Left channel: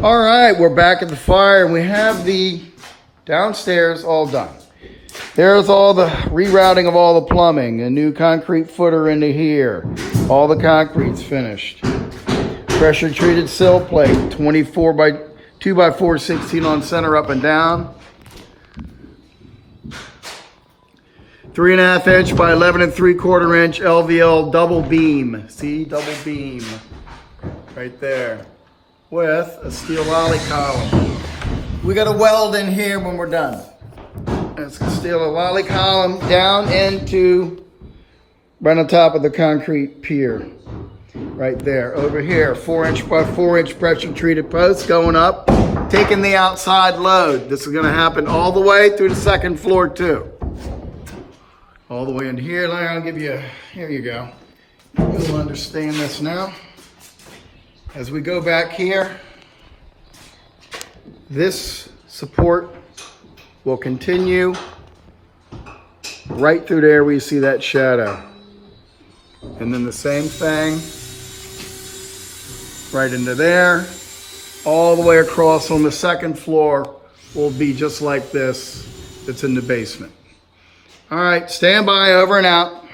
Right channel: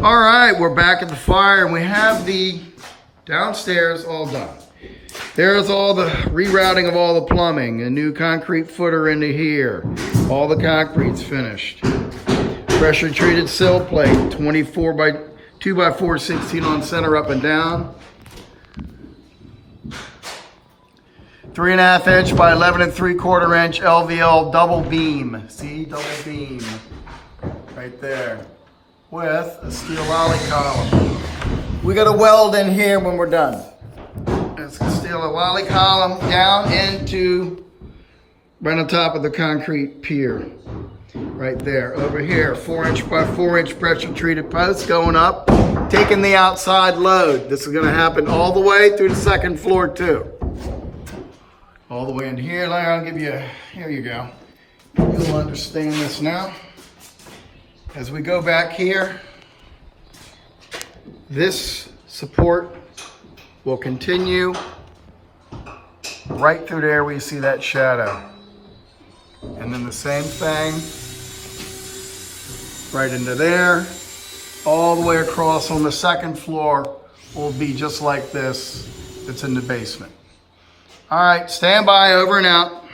All right, we're back at the fire and we have the downstairs all done. There's all the rerouting of all the plumbing, a new concrete footer into here. All the concrete's finished. Pressure treated sill plate, 24 by 2 by 4, 16 on center up and down. 3.5 inch by 11 3/4 inch LVL double beam. See, double beam right there with a steel lolly column. We got a weld in here when we're done. It's a steel lolly column down into right on top of the concrete pier. Right there, over here, 4 inch by 4 inch pressure treated posts going up, taking the outside load. This is gonna happen all the way through the second floor too. All the way in here, I'll give you, here you go. You'll understand this now. As we go back here, this support will continue right through there where you see that shadow. And then the same thing, right into there, all the way across on the second floor will be just like this. It's in the basement. All right, stand by, over and out.